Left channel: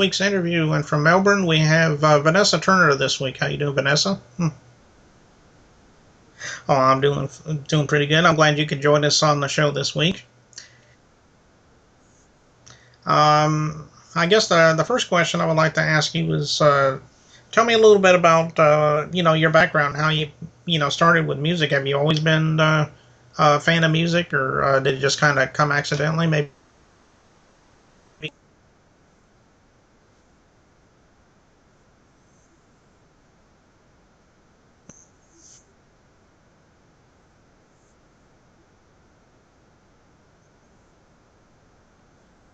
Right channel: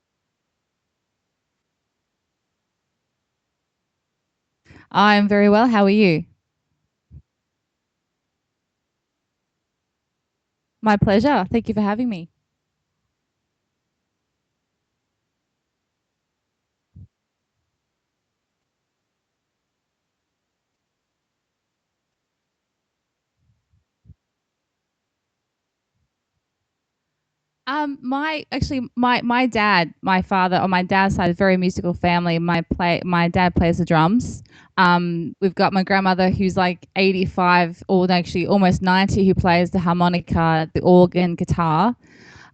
week's interview. And from Melbourne, we have Vanessa Turner this week. How you doing, Vanessa? I'm very well. How are you? Oh, I'm doing pretty good. I'm glad you could join us on the show this week. My pleasure. Thank you for having me. I guess the first question I would like to ask you is tell me a little bit about your background, how you started with music. Have you always been a fan of music, or did it just kind of come accidentally? Maybe. My actually my dad, my father on my dad's side, is a very musical family. My dad plays the drums. We've got my grandmother who's like 85, or actually almost 90, who plays the harmonica, the organ, guitar,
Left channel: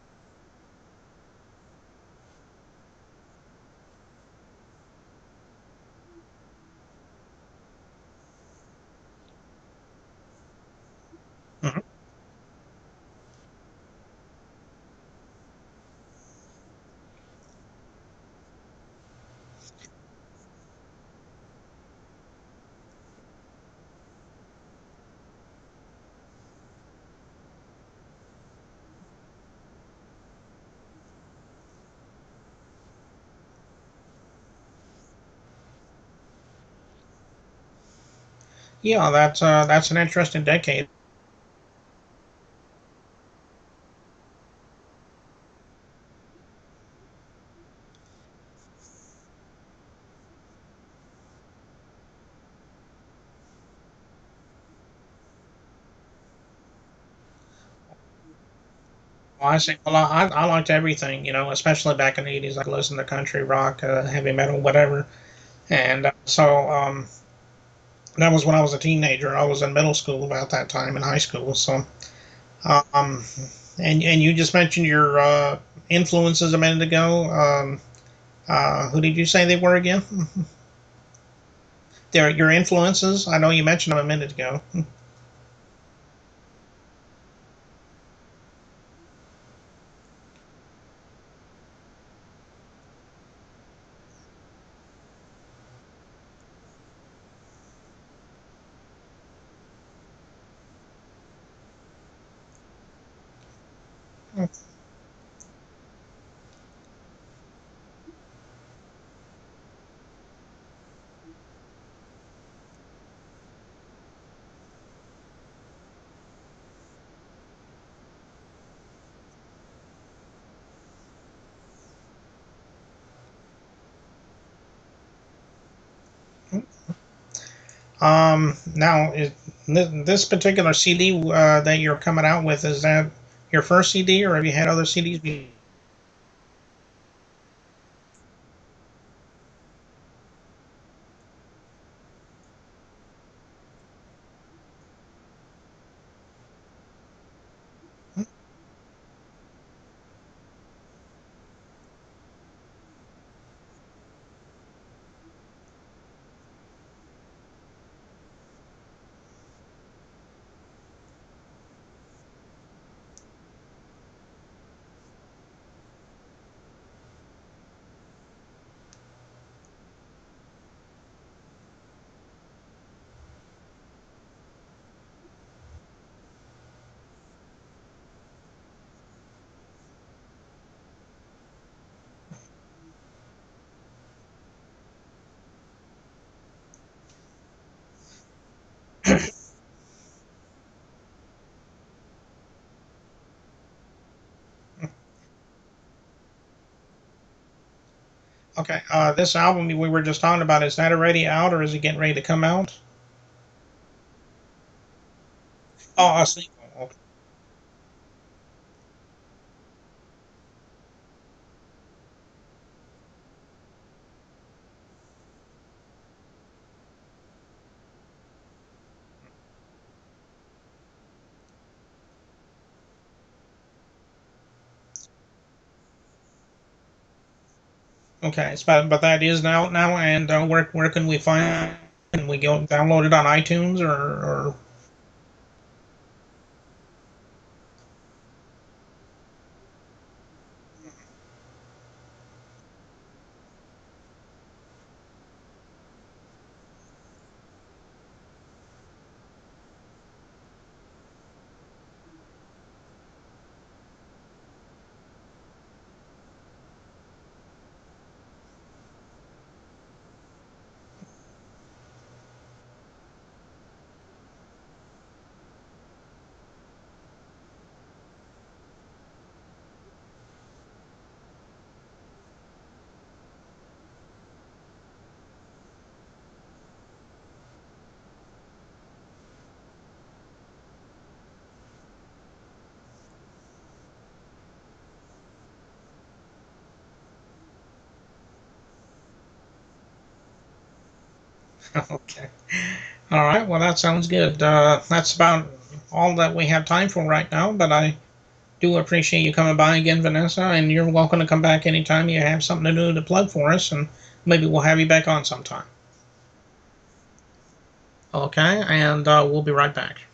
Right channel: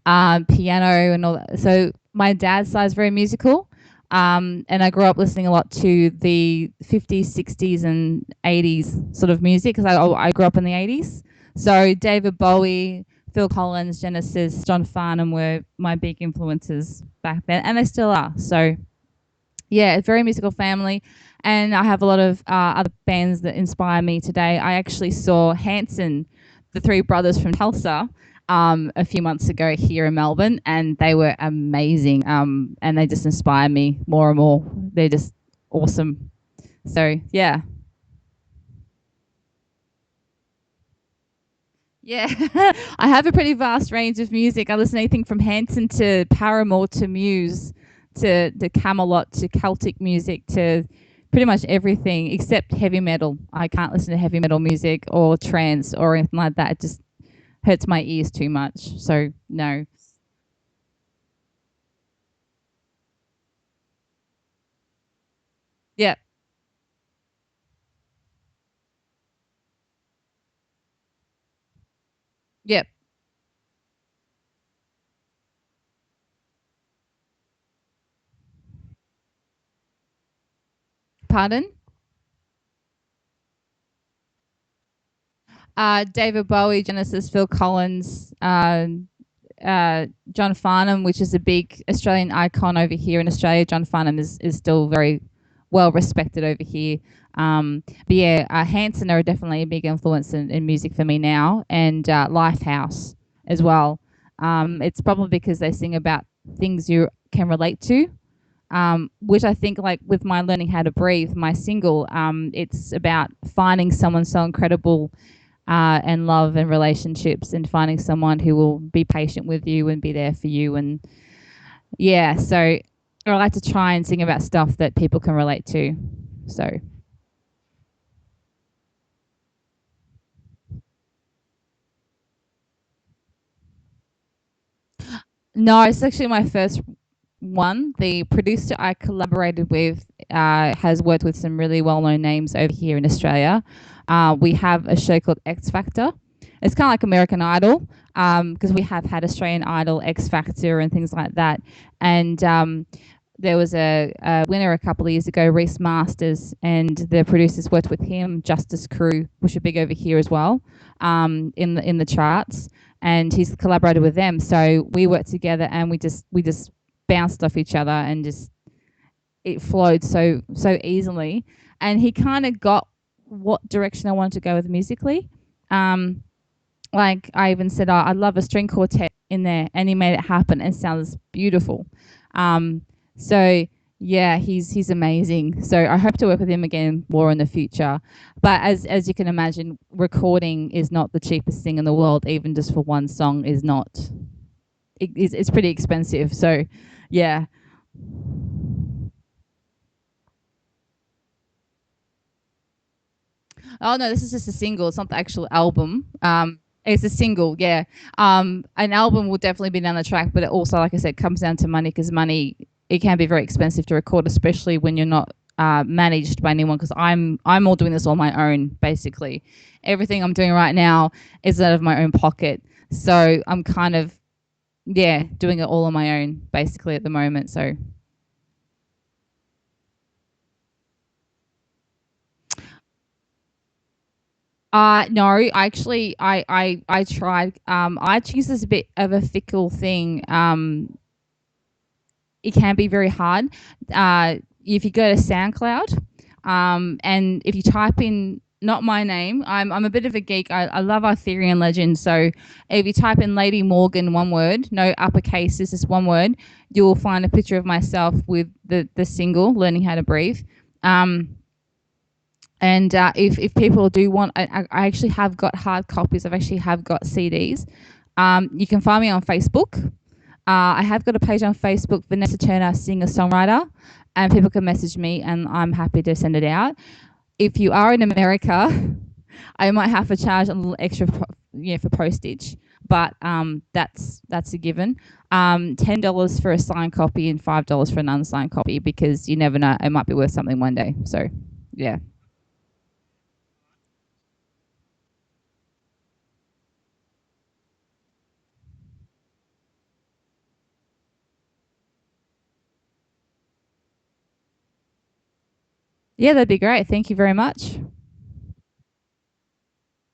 piano, and all that. So my dad's side is very musical. And I grew up listening a lot to the 50s, 60s, and 80s sort of music because I grew up in the 80s. So David Bowie, Phil Collins, Genesis, John Farnham were my big influences back then, and they still are. So yeah, it's a very musical family, and I have a lot of other bands that inspire me today. I actually saw Hanson, the three brothers from Tulsa, a few months ago here in Melbourne, and they were amazing. And they just inspire me more and more. They're just awesome. So yeah, Yeah, that's an interesting decade. yeah. I have a pretty vast range of music. I listen to anything from Hanson to Paramore to Muse to Camelot to Celtic music to pretty much everything except heavy metal. I can't listen to heavy metal music or trance or anything like that. It just hurts my ears too much. So Well, I see. no. Well, I liked everything, especially back in the '80s. I listened to country, rock, heavy metal, whatever. And Yeah. so that was when I was a teenager. I was in middle school about that time, in high school. So, Yeah. um, and you just mentioned your influences a minute ago. Who did you say they were again? Pardon? They're your influences. I know you mentioned them a minute ago. David Bowie, Genesis, Phil Collins, John Farnham, which is a big Australian icon over here in Australia. John Farnham is still very well respected over here. But yeah, Hanson are definitely a big influence in music for me now, and Lifehouse as well. It's probably because they sing about things you can relate to, which I think, like with my Learning How to Breathe, my single, it's about finding someone so incredible and love and relationships and finding someone who will be patient with you and be there for you. And yeah, so I like to try and sing about stuff that people can relate to. So Now, this particular CD that you're coming out with, is that your first CD, or have you had other CDs? no, it's actually my first one. The producer I collaborated with has worked with some really well-known names over here in Australia. We have a show called X Factor. It's kind of like American Idol because we have had Australian Idol, X Factor, and things like that. And there was a winner a couple of years ago, Reese Masters, and the producers worked with him. Justice Crew, which are big over here as well, in the charts. And he's collaborated with them, so we worked together, and we just bounced off each other, and just it flowed so easily. And he kind of got what direction I wanted to go with musically. Um, like I even said, I'd love a string quartet in there, and he made it happen. It sounds beautiful. Um, so yeah, he's amazing. So I hope to work with him again more in the future. But as you can imagine, recording is not the cheapest thing in the world. Even just for one song is not. It's pretty expensive. So yeah. Okay, this album we were just talking about, is that already out, or is it getting ready to come out? Oh no, this is just a single. It's not the actual album. Oh, a single. It's a single. Yeah. An album will definitely be down the track, but it also, like I said, comes down to money because money it can be very expensive to record, especially when you're not managed by anyone. Because I'm all doing this on my own, basically. Everything I'm doing right now is out of my own pocket. So I'm kind of yeah doing it all on my own, basically at the moment. So Okay, but that is now, and where can we find? Can we go download it on iTunes, or no, I actually I tried. iTunes is a bit of a fickle thing. It can be very hard. If you go to SoundCloud, and if you type in not my name, I'm a bit of a geek. I love Arthurian legends. So if you type in Lady Morgan, one word, no uppercase, this is one word. you'll find a picture of myself with the single "Learning How to Breathe." Um, and if people do want, I actually have got hard copies. I've actually have got CDs. You can find me on Facebook. I have got a page on Facebook, Vanessa Turner, singer-songwriter, and people can message me, and I'm happy to send it out. If you are in America, I might have to charge a little extra, for postage, but that's a given. $10 for a signed copy and $5 for an unsigned copy, because you never know, it might be worth something one day. So, yeah. Okay. All right. Well, that sounds good. That's about all that we have time for right now, but I do appreciate you coming by again, Vanessa, and you're welcome to come back anytime you have something to do to plug for us, and maybe we'll have you back on sometime. Yeah, that'd be great. Thank you very much. Okay, and we'll be right back.